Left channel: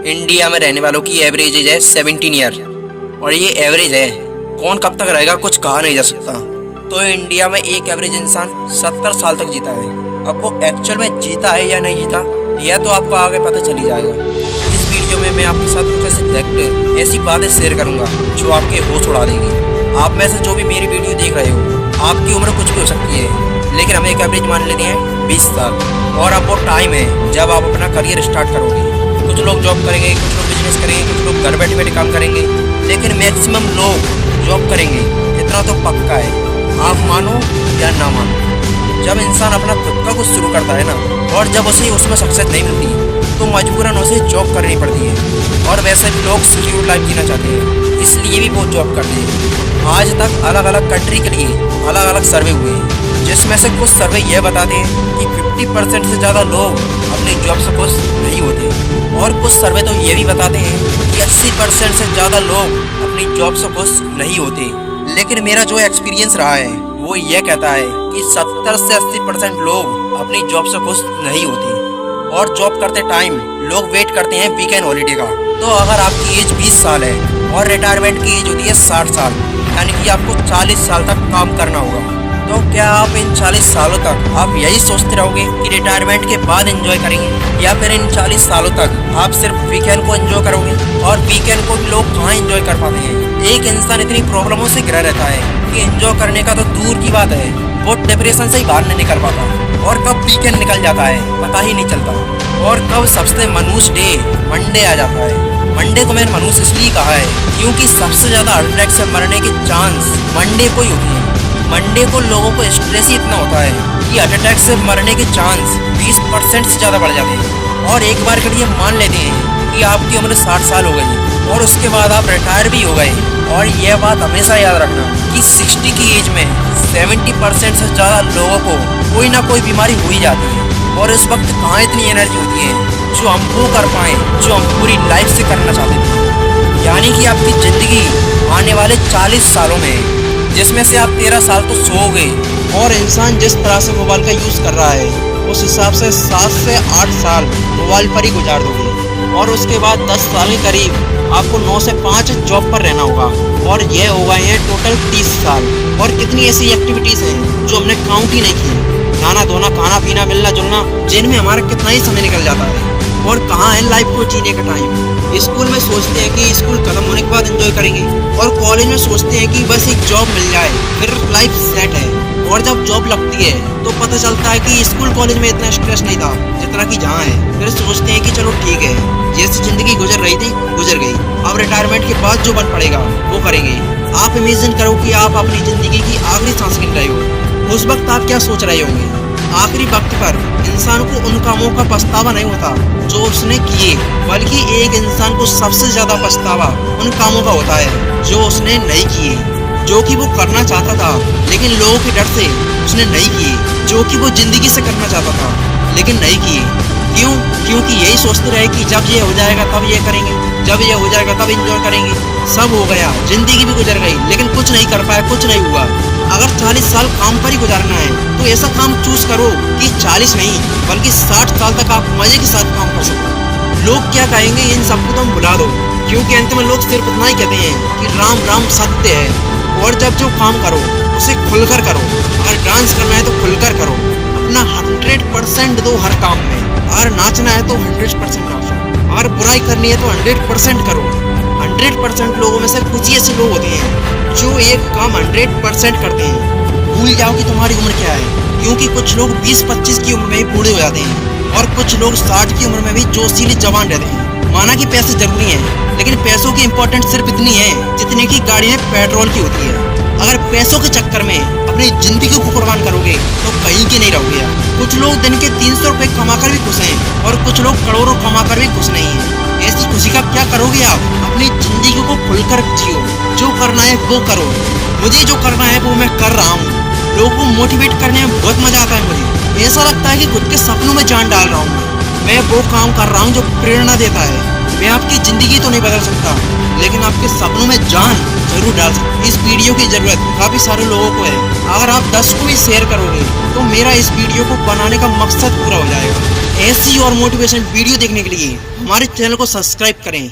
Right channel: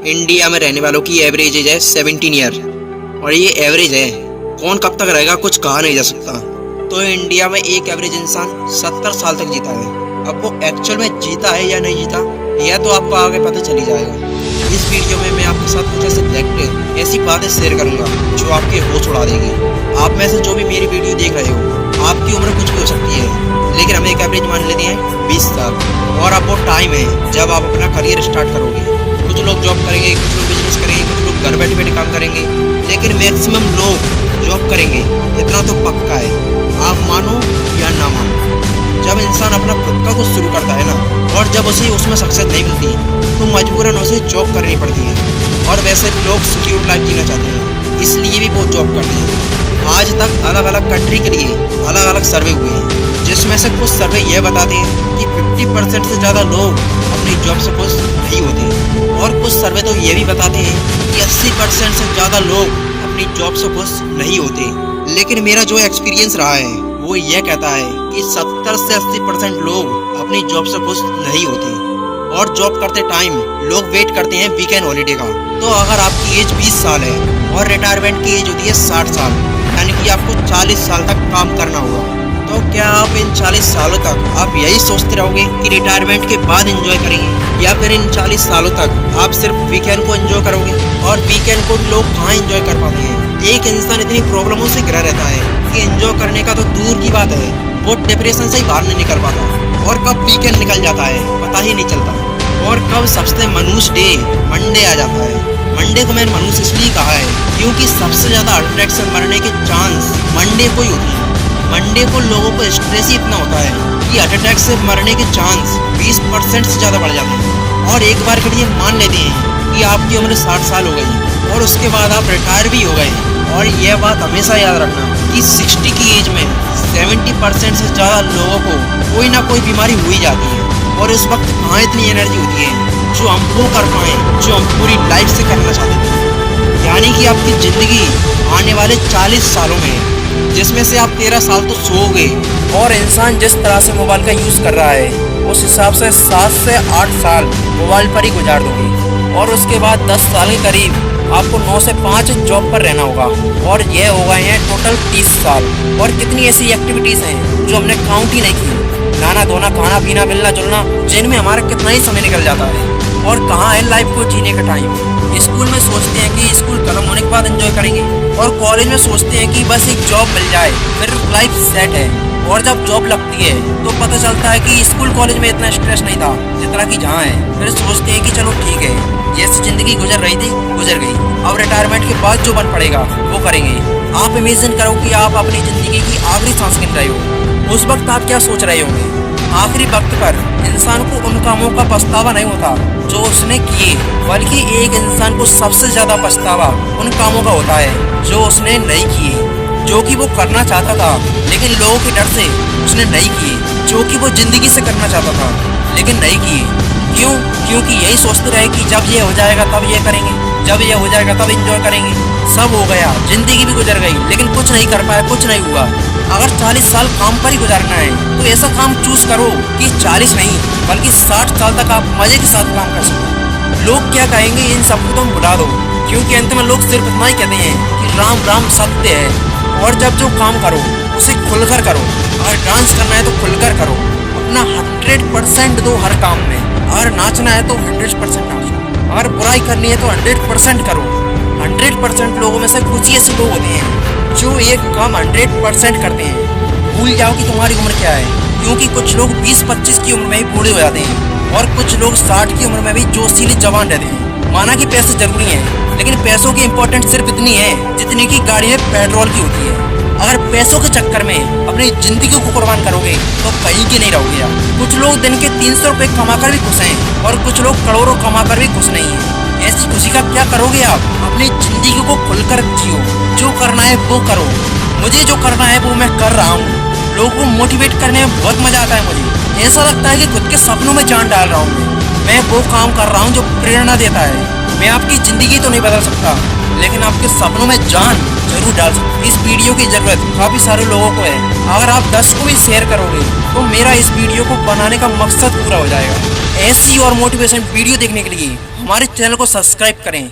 India में रहने वालों की एवरेज एज है 17 ईयर और ये एवरेज है। कौन कब तक रहेगा कुछ कहा नहीं जा सकता। तो इंडिया में एक एवरेज इंसान 70 साल तक जीता है। अब वो एक्चुअल में जीता है या नहीं जीता यह तो आपको आगे पता चली जाएगा। इस वीडियो में मैं आपके साथ कुछ ऐसे फैक्ट ऐसी बातें शेयर करूंगा जो आपके होश उड़ा देंगी। आप में से जो भी मेरी वीडियो देख रहे हो आपकी उम्र कुछ भी हो सकती है, लेकिन हम एक एवरेज मान लेते हैं 20 साल। और अब वो टाइम है जब आप अपना करियर स्टार्ट करोगे। कुछ लोग जॉब करेंगे, कुछ लोग बिजनेस करेंगे, कुछ लोग घर बैठे बैठे काम करेंगे, लेकिन मैक्सिमम लोग जॉब करेंगे। इतना तो पक्का है, आप मानो या ना मानो। जब इंसान अपना खुद का कुछ शुरू करता है ना, और जब उसे उसमें सक्सेस नहीं मिलती तो मजबूरन उसे जॉब करनी पड़ती है। और वैसे भी लोग सिक्योर लाइफ जीना चाहते हैं, इसलिए भी वो जॉब करते हैं। आज तक अलग अलग कंट्री के लिए अलग अलग सर्वे हुए हैं, जिसमें से कुछ सर्वे यह बताते हैं कि 50% से ज़्यादा लोग अपनी जॉब से खुश नहीं होते, और कुछ सर्वे तो ये भी बताते हैं कि 80% से ज़्यादा लोग अपनी जॉब से खुश नहीं होते। लेकिन मेरा जो एक्सपीरियंस रहा है वो ये कहता है कि 70 से 80% लोग अपनी जॉब से खुश नहीं होते। और जॉब करते टाइम लोग वेट करते हैं वीकेंड हॉलीडे का। तो अगर आपकी एज 20 साल है और रिटायरमेंट की एज होती है 60 साल, यानी कि आपको 40 साल तक काम करना होगा, तो क्या आप इन 40 सालों तक आप यही सोचते रहोगे कि रिटायरमेंट के बाद एंजॉय करेंगे, या फिर इन 40 सालों तक आप सिर्फ वीकेंड को एंजॉय करोगे? और वीकेंड को लोग कहाँ एंजॉय कर पाते हैं? एक इंसान इतनी प्रॉब्लमों से घिरा रहता है कि एंजॉय करने का तो दूर की बात है, वो डिप्रेशन से ही बाहर नहीं निकल पाता। और कब वीकेंड निकल जाता है पता ही नहीं चलता। और कब सबसे मनुष्य डे मंडे आ जाता है। मंडे को मैंने मनुष्य इसलिए कहा है क्योंकि सबसे ज़्यादा हार्ट अटैक से मरने के चांस मंडे को ही होती है। मंडे को लोगों को स्ट्रेस ही इतना होता है कि हार्ट अटैक से मरने के चांस 20% से ज़्यादा बढ़ जाते हैं। और एक बार के लिए मान लेते हैं कि आपकी उम्र 60 साल हो गई और उसके बाद आप रिटायर भी हो गए। और यह बात हमेशा याद रखना कि 60 की एज में 70% से ज़्यादा लोगों को कोई ना कोई बीमारी हो ही जाती है। और उस वक्त कहाँ इतनी एनर्जी होती है जो हम वो कर पाएँ जो हम पूरी लाइफ से करना चाहते थे। यानी कि आपकी ज़िंदगी आने वाले 40 सालों में, जिसमें से आप 13 साल तो सोओगे। और इंसान जिस तरह से मोबाइल का यूज़ कर रहा है उस हिसाब से 7 से 8 साल मोबाइल पर ही गुजार दोगे। और उसके बाद 10 साल के करीब आपको 9 से 5 जॉब पर रहना होगा। और ये हो गए हैं टोटल 30 साल। और कितनी ऐसी एक्टिविटीज़ हैं जो हमने काउंट ही नहीं की। नहाना धोना, खाना पीना, मिलना जुलना, जिनमें हमारा कितना ही समय निकल जाता है। और कहाँ है लाइफ को जीने का टाइम। स्कूल में सोचते हैं कि स्कूल खत्म होने के बाद एंजॉय करेंगे, और कॉलेज में सोचते हैं कि बस एक जॉब मिल जाए फिर लाइफ सेट है। और जब जॉब लगती है तो पता चलता है कि स्कूल कॉलेज में इतना स्ट्रेस नहीं था जितना कि जहाँ है। फिर सोचते हैं कि चलो ठीक है, जैसी ज़िंदगी गुजर रही थी गुजर गई, अब रिटायरमेंट के बाद जो बन पड़ेगा वो करेंगे। आप इमेजिन करो कि आप अपनी ज़िंदगी की आखिरी सांस गिन रहे हो। उस वक्त आप क्या सोच रहे होंगे? आखिरी वक्त पर इंसान को उन कामों का पछतावा नहीं होता जो उसने किए, बल्कि एक इंसान को सबसे ज़्यादा पछतावा उन कामों का होता है जो उसने नहीं किए, जो कि वो करना चाहता था लेकिन लोगों के डर से उसने नहीं किए, जो कि वो ज़िंदगी से करना चाहता था लेकिन नहीं किए। क्यों? क्योंकि यही सोचते रहे कि जब ये हो जाएगा तब ये करेंगे, जब ये हो जाएगा तब एंजॉय करेंगे। सब हो गया, ज़िंदगी भी गुजर गई, लेकिन कुछ नहीं कर पाए, कुछ नहीं हुआ। अगर 40 साल काम पर ही गुजारना है तो ऐसा काम चूज करो कि 40 नहीं बल्कि 60 साल तक आप मजे के साथ काम कर सको। लोग क्या कहेंगे इन सबको तुम भुला दो, क्योंकि अंत में लोग सिर्फ इतना ही कहते हैं कि राम राम सत्य है। और जब जो काम करो उसे खुलकर करो। अगर डांस करना है तो खुलकर करो, अपना 100% दो हर काम में। अगर नाचना है तो 100% नाचो, अगर बुराई करनी है तो 100% करो। 100% लोगों में से कुछ ही ऐसे लोग होते हैं जो एक काम 100% करते हैं। भूल जाओ कि तुम्हारी उम्र क्या है, क्योंकि कुछ लोग 20-25 की उम्र में ही बूढ़े हो जाते हैं, और कुछ लोग 60 की उम्र में भी जोशीली जवान रहते हैं। माना कि पैसे जरूरी हैं, लेकिन पैसों की इम्पोर्टेंस सिर्फ इतनी है जितनी की गाड़ी में पेट्रोल की होती है। अगर पैसों के चक्कर में अपनी जिंदगी को कुर्बान करोगे तो कहीं के नहीं रहोगे यार। कुछ लोग दिन के 300 रुपये कमाकर भी खुश हैं, और कुछ लोग करोड़ों कमाकर भी खुश नहीं हैं। ऐसी खुशी का क्या करोगे आप? अपनी जिंदगी को खुलकर जियो, जो करना है वो करो। मुझे जो करना है वो मैं कर रहा हूँ। लोगों को मोटिवेट करने में बहुत मजा आता है। मुझे ऐसा लगता है कि खुद के सपनों में जान डाल रहा हूँ। मैं वो काम कर रहा हूँ जो प्रेरणा देता है। मैं आपकी ज़िंदगी तो नहीं बदल सकता, लेकिन आपके सपनों में जान जरूर डाल सकता। इस वीडियो की ज़रूरत काफ़ी सारे लोगों को है। अगर आप 10 को भी शेयर करोगे तो मेरा इस वीडियो को बनाने का मकसद पूरा हो जाएगा। ऐसी और मोटिवेशन वीडियो देखने के लिए हमारे चैनल को सब्सक्राइब करें